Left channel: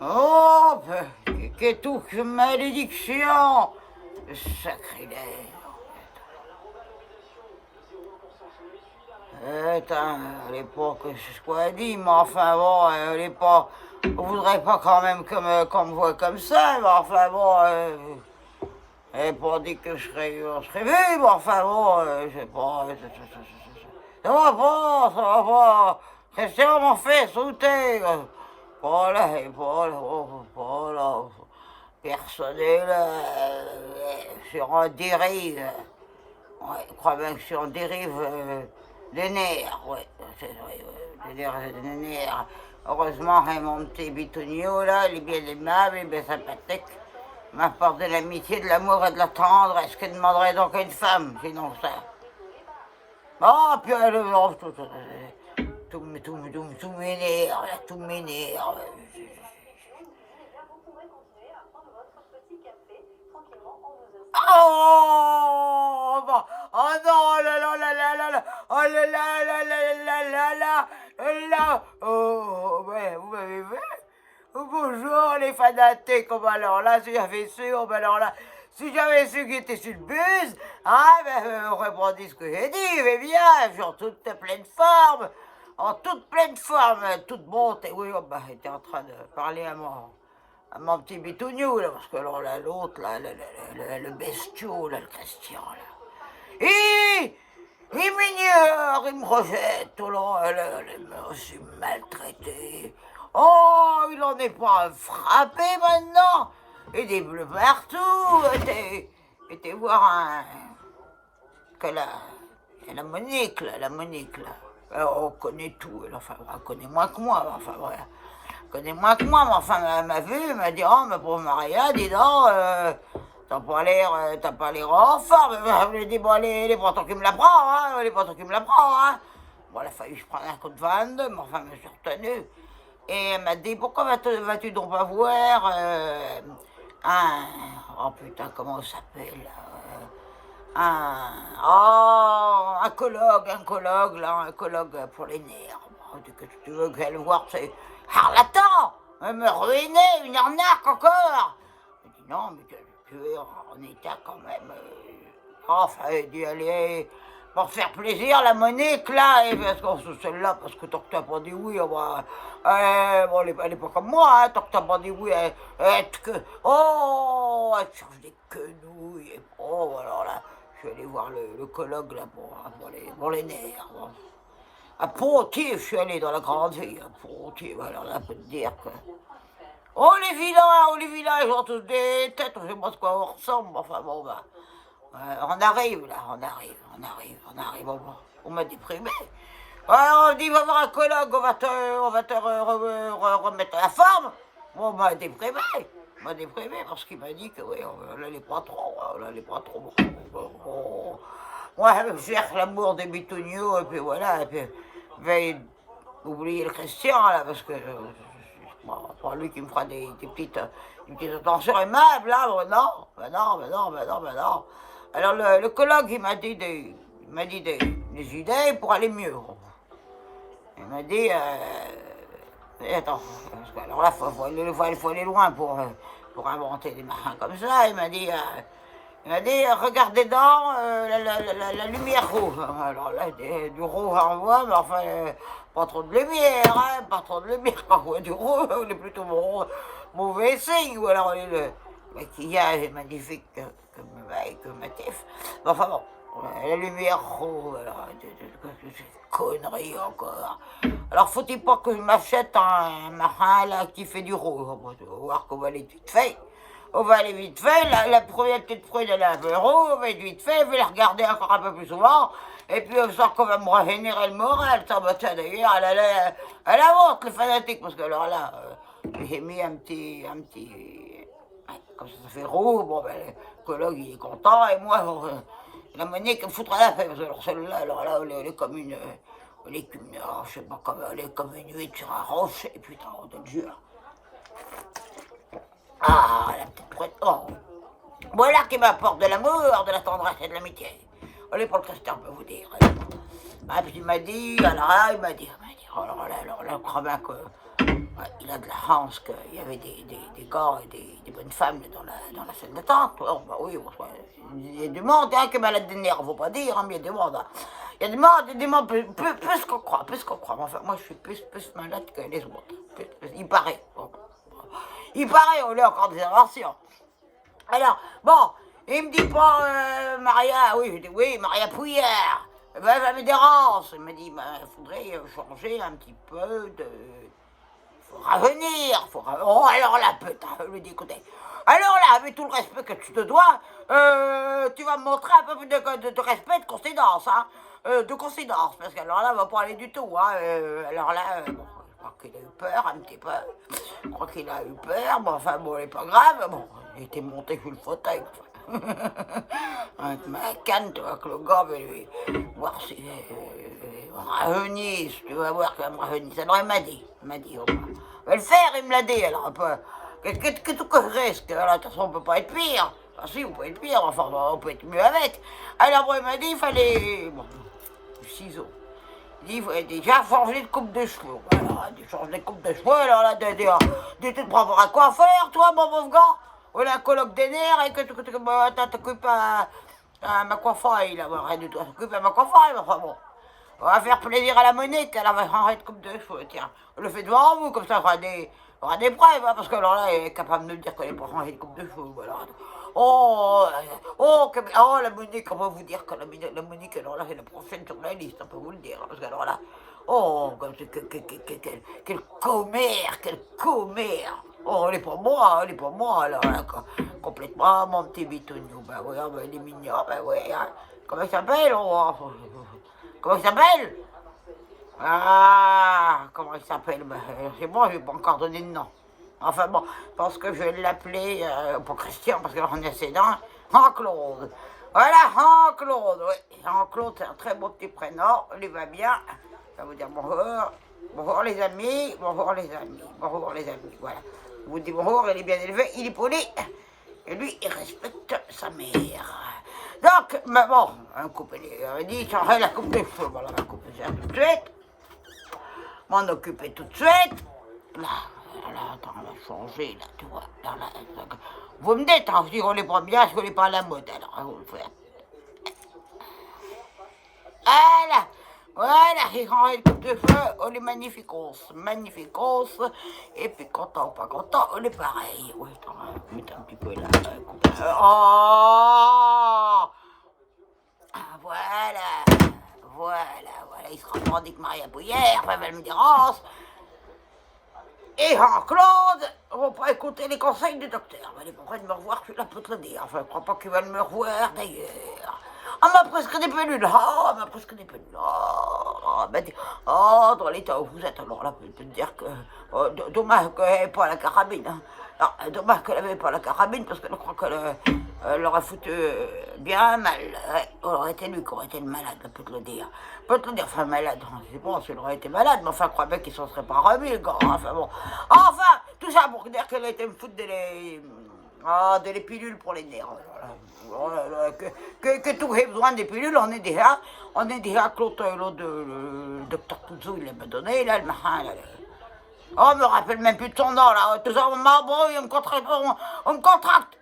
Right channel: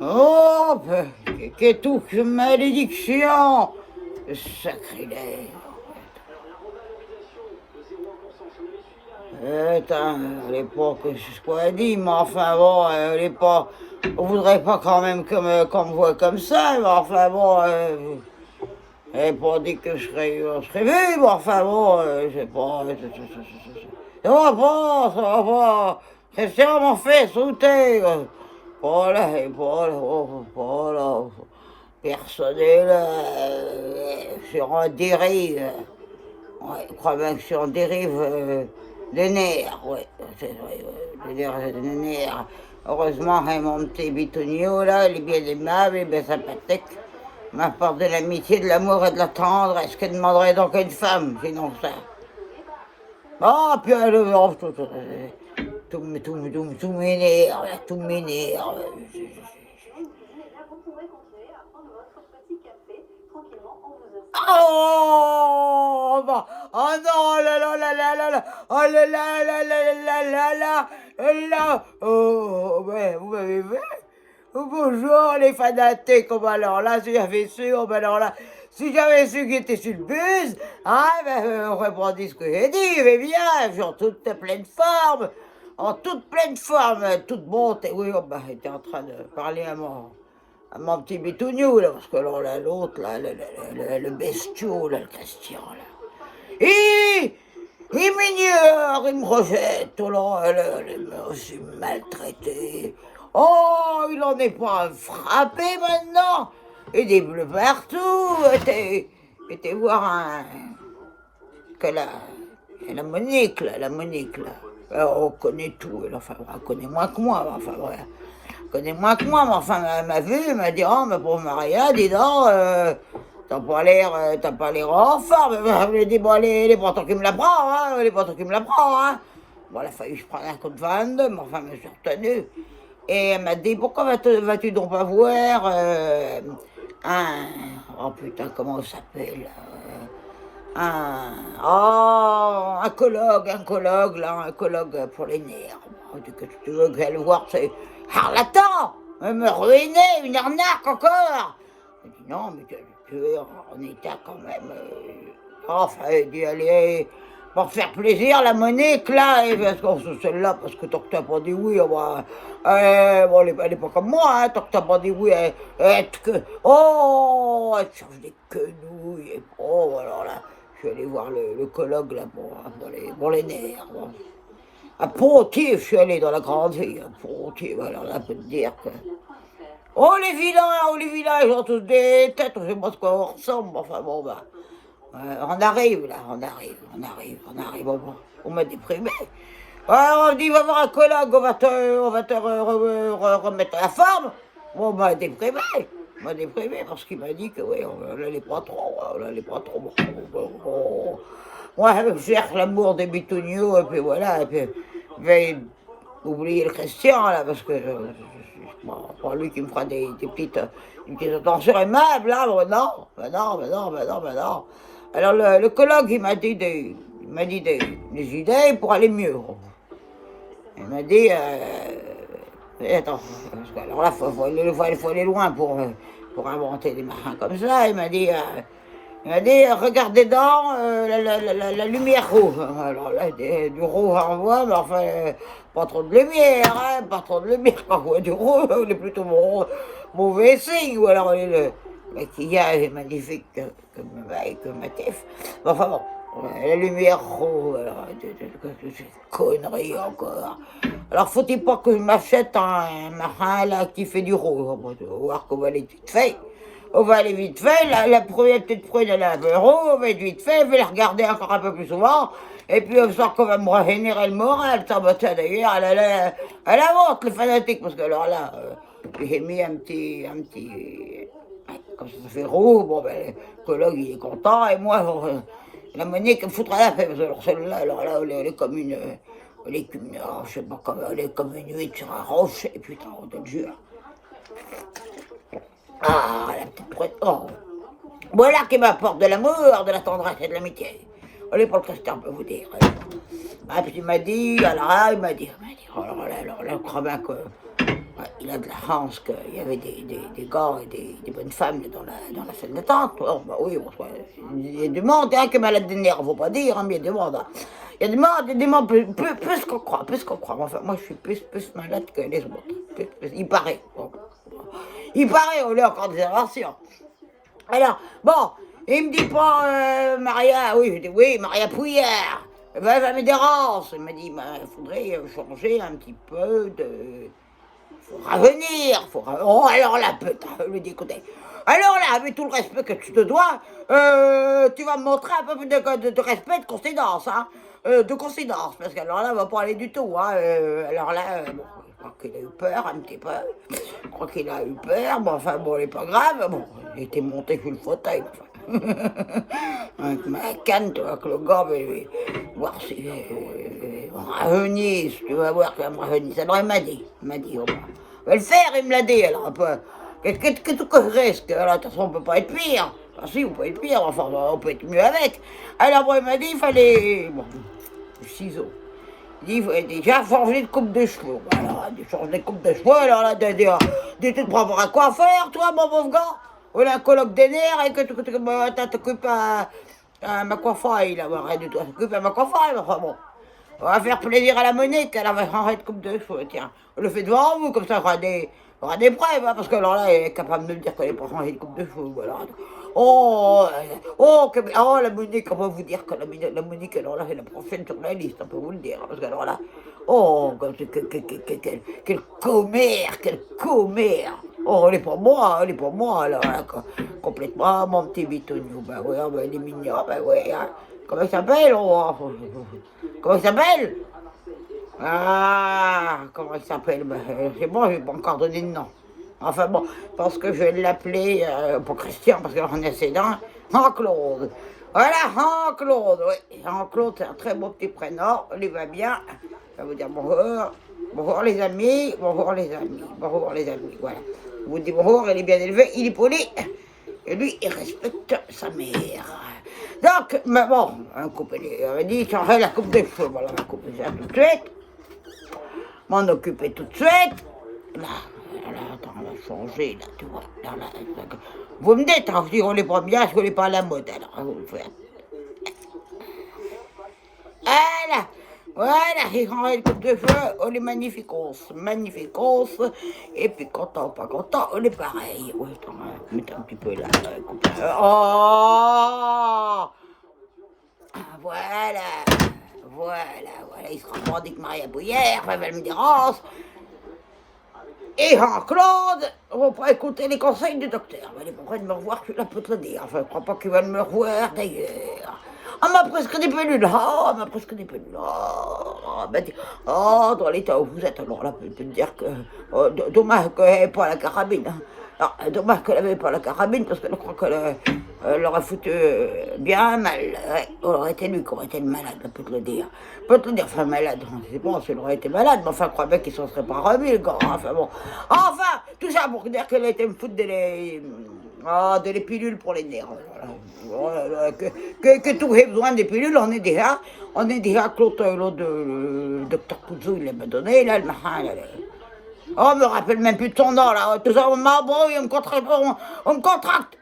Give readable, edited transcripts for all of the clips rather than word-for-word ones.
Oh, qu'est tout que malédiction! Sacrilège! Elle est pas que ce qu'elle dit, mais enfin bon, elle est pas. On voudrait pas quand même qu'on me voit comme ça, mais enfin bon, elle n'est pas dit que je serais vu, mais enfin bon, je sais pas. Ça va pas. Christian m'en fait sauter. Pas là, pas là. Personnel, sur un dérive. Ouais, je crois bien que je suis en dérive des nerfs, ouais, c'est vrai, ouais, des nerfs. Heureusement, hein, mon petit bitonio, là, il est bien aimable, il est bien sympathique. Il m'apporte de l'amitié, de l'amour et de la tendresse. Que demanderait donc une femme, sinon ça? Ah, puis tout m'énerve, tout m'énerve. Oh, bah, oh non, oh là là là là là là, oh là là là là là là là là, oh, mais vous m'avez vu? Bonjour les fanatiques, oh, bah alors là, si j'avais su, oh, bah alors là, si j'avais su qu'il était sur le bus, ah, ben, on aurait pas dit ce que j'ai dit, mais bien, je suis en toute pleine forme, toute bonté, oui, oh, bah, j'étais en train de parler à mon petit bitounou, là, parce que là, l'autre, là, le bestiau, là, le Christian, là. Il m'ignore, il me rejette, oh là, il m'a aussi maltraité. Oh, il en est pas frappé maintenant. Et des bleus partout. Était voir que la Monique, là, Alors, on connaît tout, enfin, elle connaît moins que moi, enfin, voilà. Connaît moins que moi, mais enfin, elle m'a vu, elle m'a dit, oh, ma pauvre Maria, dis donc, t'as pas l'air en forme. Je lui ai dit, bon, allez, pas toi qui me la prends, hein, pas toi qui me la prends, hein. Bon, il a fallu que je prenne un coup de 22, mais enfin, je me suis retenue. Et elle m'a dit, pourquoi vas-tu donc pas voir un... Oh putain, comment ça s'appelle un colloque pour les nerfs. Que tu veux que j'aille voir, c'est charlatan, me ruiner, une arnaque encore. Je dis non, mais tu es en état quand même. Enfin, il dit allez, pour te faire plaisir, la Monique là, et parce que celle-là, parce que tant que t'as pas dit oui, bon, elle est pas comme moi, hein, tant que t'as pas dit oui, elle te change des quenouilles, et oh, alors là. Je suis allé voir le colloque là pour les nerfs. Bon. À Pontier, je suis allé dans la grande ville. À Pontier, alors là, on peut te dire que. Oh les vilains, ils ont tous des têtes, je sais pas ce quoi on ressemble. Enfin bon, bah. On arrive là, on arrive. On m'a déprimé. Alors, on dit, va voir un colloque, on va te remettre la forme. Bon, on m'a déprimé. Parce qu'il m'a dit que oui, on n'allait pas trop. Moi, je cherche l'amour des bitoniaux, et puis voilà, et puis vais oublier le Christian, là, parce que c'est pas lui qui me fera des petites attentions aimables, là, ben non. Alors, le colloque, il m'a dit des idées pour aller mieux. Il m'a dit, attends, alors là, il faut aller loin pour inventer des machins comme ça. Il m'a dit, regardez dans la lumière rouge. Alors là, du rouge on voit, mais enfin, pas trop de lumière, hein, quand on voit du rouge, on est plutôt mauvais signe. Ou alors, le maquillage est magnifique que Matif. Enfin bon. La lumière rouge, alors, connerie encore. Alors, faut-il pas que je m'achète un marin là qui fait du rouge? On va voir qu'on va aller vite fait. La première petite prune, elle est un peu rouge, on va être vite fait, je vais la regarder encore un peu plus souvent. Et puis, on sent qu'on va me régénérer le moral. Ça, bah, tiens, d'ailleurs, elle avance, le fanatique, parce que alors là, j'ai mis un petit. Comme ça fait rouge, bon, ben, le collègue, il est content, et moi, la Monique me foutra la paix, parce que celle-là, elle est comme une. Je sais pas comment, elle est comme une huître sur un rocher, putain, on te le jure. Ah, la petite prête. Oh. Voilà qui m'apporte de l'amour, de la tendresse et de l'amitié. Allez, pour le Christian, on peut vous dire. Ah, puis il m'a dit, oh là là, je crois bien que. Ouais, il a de la chance qu'il y avait des gars et des bonnes femmes dans la salle d'attente. Oh, bah oui, bon, ouais, il y a du monde hein, qui est malade des nerfs, faut pas dire, hein, mais il y a du monde. Hein. Il y a des monde plus qu'on croit, plus qu'on croit. Enfin, moi, je suis plus malade que les autres. Il paraît. Bon. Il paraît, on a encore des inventions. Alors, bon, il me dit pas, Maria, oui, je dis oui, Maria Pouillère. Eh ben, ça me dérange. Il m'a dit, il faudrait changer un petit peu de... Faut ravenir, Oh, alors là, putain, je lui dis, écoutez, alors là, avec tout le respect que tu te dois, tu vas me montrer un peu plus de respect, de considérance, hein, de considérance, parce qu'alors là, on va pas aller du tout, hein, alors là, bon, je crois qu'il a eu peur un petit peu, je crois qu'il a eu peur, bon, enfin, bon, il est pas grave, bon, il était monté sur le fauteuil, enfin. Avec ma canne, tu vois, que le gars va lui voir si rajeunit, tu vas voir qu'il va me rajeunir. Ça m'a dit, au moins. On va le faire, il me l'a dit, alors un peu. Qu'est-ce que je risque? Alors, de toute façon, on peut pas être pire. Enfin, si, on peut être pire, enfin, on peut être mieux avec. Alors, bon, il m'a dit, il fallait, bon, du ciseau. Il dit, il fallait déjà changer de coupe de cheveux. Voilà, changer de coupe de cheveux, alors là, tu te prends pour un coiffeur, toi, mon pauvre gars? On a un colloque des nerfs et que tu t'occupes à ma coiffaille, là, rien du tout, t'occupes à ma coiffaille, enfin bon. On va faire plaisir à la Monique, elle va changer de coupe de cheveux, tiens. On le fait devant vous, comme ça, on aura des preuves, hein, parce que alors là, elle est capable de me dire qu'elle n'est pas changée de coupe de cheveux, voilà. Oh, la Monique, on va vous dire que la Monique, alors là, c'est la prochaine sur la liste, on peut vous le dire, hein, parce que alors là, oh, quel commère, quel commère. Oh, elle est pour moi, alors là, complètement, mon petit bitonio, ben oui, ben, il est mignon, ben oui, hein. Comment il s'appelle, comment il s'appelle? Ah, comment il s'appelle? Ben, c'est bon, je vais pas encore donner de nom. Enfin bon, je pense que je vais l'appeler, pas Christian, parce qu'on est assez dans, Jean-Claude. Voilà, Jean-Claude, oui. Jean-Claude, c'est un très beau petit prénom, il va bien. Je vais vous dire bonjour. Bonjour les amis, bonjour les amis, bonjour les amis, voilà. Je vous dis bonjour, il est bien élevé, il est poli. Et lui, il respecte sa mère. Donc, mais bon, il avait dit changer la coupe de cheveux. Voilà, on va couper ça tout de suite. M'en occuper tout de suite. Là, attends, on va changer, là, tu vois. Là, vous me dites, hein, si on n'est pas bien, si on n'est pas à la mode, alors, vous le faites. Voilà, j'ai changé de coupe de cheveux, on est magnificos. Et puis, content ou pas content, on est pareil. Oui, attends, mettez un petit peu là, coupe là. Oh! Voilà, il se revendique Maria Bouillère, enfin, elle me dérange. Et Jean-Claude, on va pas écouter les conseils du docteur. Il est pas prêt de me revoir, je la peux te le dire. Enfin, je crois pas qu'il va me revoir d'ailleurs. On m'a presque des pelules. Oh, on m'a presque des pelules. Dans l'état où vous êtes, alors là, je peux te dire que. Dommage qu'elle n'avait pas la carabine. Hein. Alors, dommage qu'elle n'avait pas la carabine, parce que je crois qu'elle aurait foutu bien mal. Ouais, on aurait été lui qui aurait été le malade, je peux te le dire. Je peux te le dire, enfin malade, c'est bon, s'il aurait été malade, mais enfin, je crois bien qu'il s'en serait pas remis, le gars. Enfin bon. Enfin, tout ça pour dire qu'elle a été me foutre de les pilules pour les nerfs. Que tout ait besoin des pilules, on est déjà Claude, le docteur Pouzou, il m'a donné, là, le machin, là. Oh, on me rappelle même plus de son nom, là. Tout ça, on m'embrouille, on me contracte.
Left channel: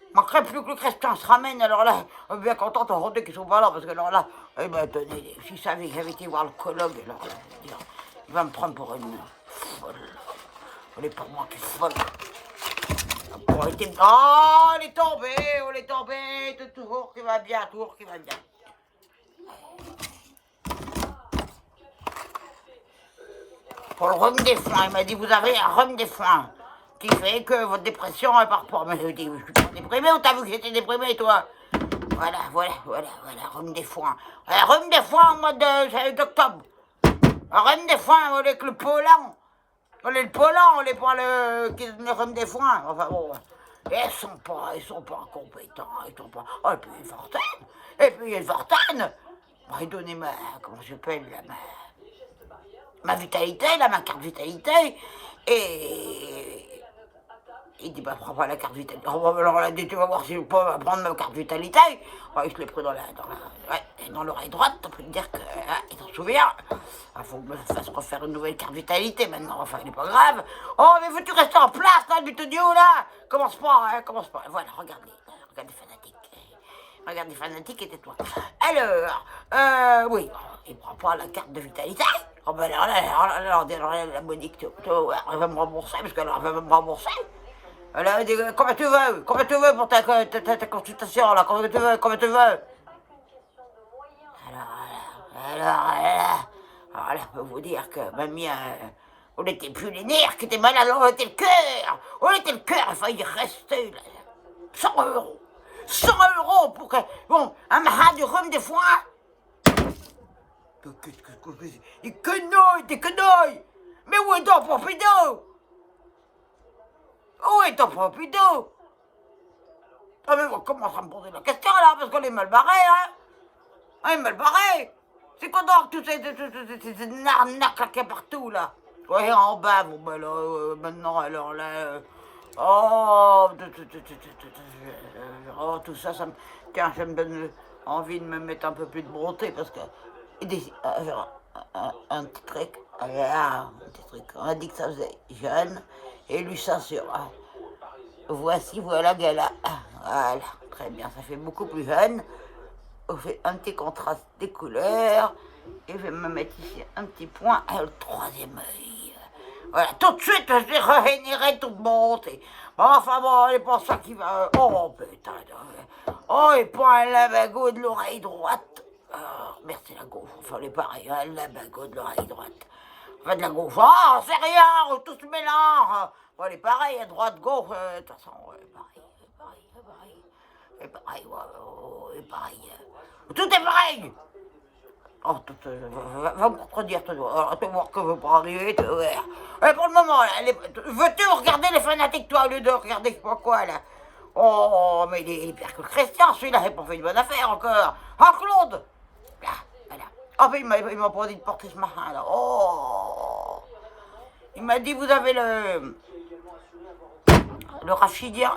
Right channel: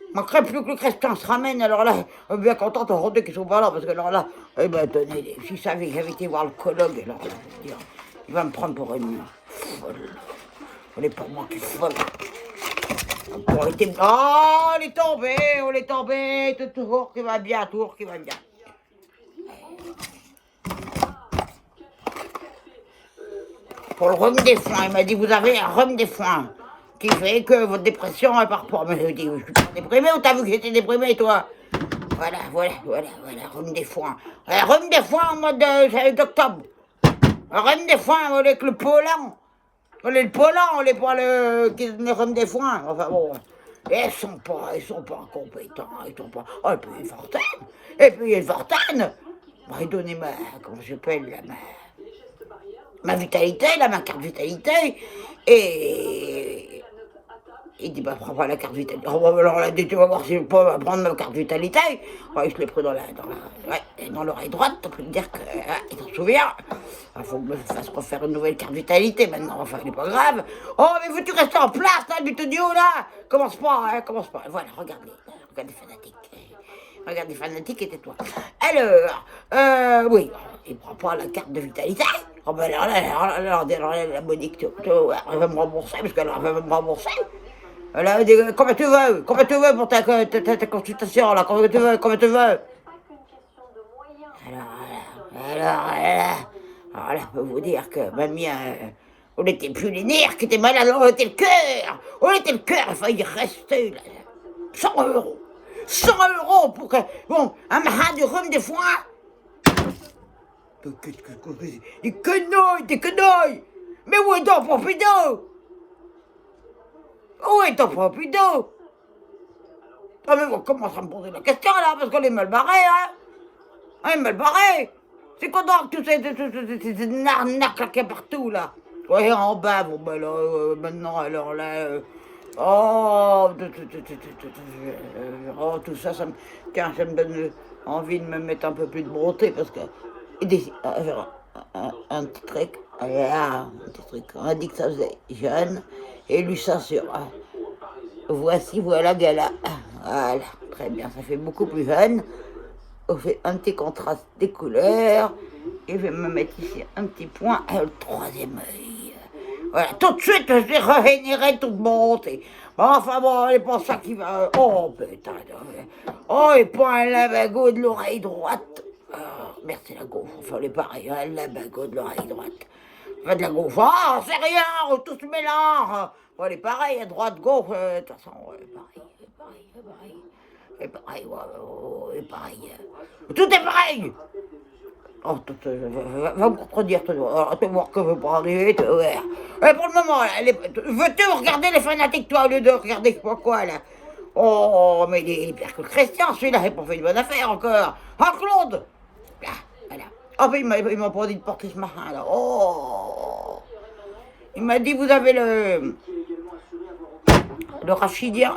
Il manquerait plus que le Christian se ramène, alors là, on est bien content de rôder qu'ils sont pas là, parce que alors là, eh ben, tenez, si je savais que j'avais été voir le colloque, alors là, je veux dire, il va me prendre pour une folle. On est pour moi qui est folle. Oh, elle est tombée, toujours qui va bien, Pour le rhume des foins, il m'a dit, vous avez un rhume des foins qui fait que votre dépression, elle part pas. Mais je lui ai dit, je suis pas déprimé ou t'as vu que j'étais déprimé, toi? Voilà, rhume des foins. Rhume des foins au mois d'octobre. Rhume des foins avec le pollen. On est le pollen, on n'est pas le rhume des foins. Enfin bon, ils sont pas compétents, ils sont pas... Oh, et puis il y a Fortane. Bah, donnez comment j'appelle, ma vitalité, là, ma carte vitalité, et Il dit, bah, prends pas la carte vitalité. Oh, bah, alors là, tu vas voir si je peux prendre ma carte vitalité. Ouais, je l'ai pris dans l'oreille droite, on peut te dire qu'il s'en souvient. Il faut que je me fasse refaire une nouvelle carte vitalité maintenant, enfin, il n'est pas grave. Oh, mais veux-tu rester en place, là, Bitonio, là? Commence pas, hein, commence pas. Voilà, regarde les fanatiques. Regarde les fanatiques et tais-toi. Alors, oui, il prend pas la carte de vitalité. Oh, ben alors, la Monique, elle va me rembourser, parce qu'elle va me rembourser. Elle dit, comment tu veux pour ta consultation, là, comment tu veux Alors là, je peux vous dire que mamie, on n'était plus les nerfs qui étaient malades, on était le cœur, il fallait y rester, là. 100 €. 100 € pour que, bon, un mahat de rhum des fois. Des quenouilles. Mais où est ton Pompidou? Où est ton Pompidou? Ah, mais on commence à me poser la question, là, parce qu'on est mal barré, hein. On est mal barré. C'est quoi donc toutes ces arnaques là qu'il y a partout, là? Ouais, en bas, bon, ben là, maintenant, alors là... oh, tout ça, tiens, ça me donne envie de me mettre un peu plus de beauté, parce que... un petit truc, un petit truc, on a dit que ça faisait jeune, et lui ça sur... voilà, gala. Voilà, très bien, ça fait beaucoup plus jeune. On fait un petit contraste des couleurs. Et je vais me mettre ici un petit point, le troisième œil. Voilà, tout de suite, je vais régénérer toute beauté. Bon, enfin bon, c'est pas ça qui va... Oh, putain. Oh, et pas un lavago de l'oreille droite. Oh, merde, c'est la gaufre. Enfin, c'est pareil, un lavago de l'oreille droite. Enfin, de la gaufre. Oh, c'est rien, tout se mélange. Bon, c'est pareil, à droite, gauche, de toute façon, pareil. C'est pareil, c'est pareil. Tout est pareil. Oh, va me contredire, tu vas voir que je veux pas arriver, tu vas voir. Pour le moment, là, veux-tu regarder les fanatiques, toi, au lieu de regarder je sais pas quoi, là? Oh, mais il est pire que le Christian, celui-là, il n'a pas fait une bonne affaire encore. Ah, Claude! Là, voilà. Oh, mais il m'a pas dit de porter ce machin, là. Oh! Il m'a dit, vous avez le rachidien,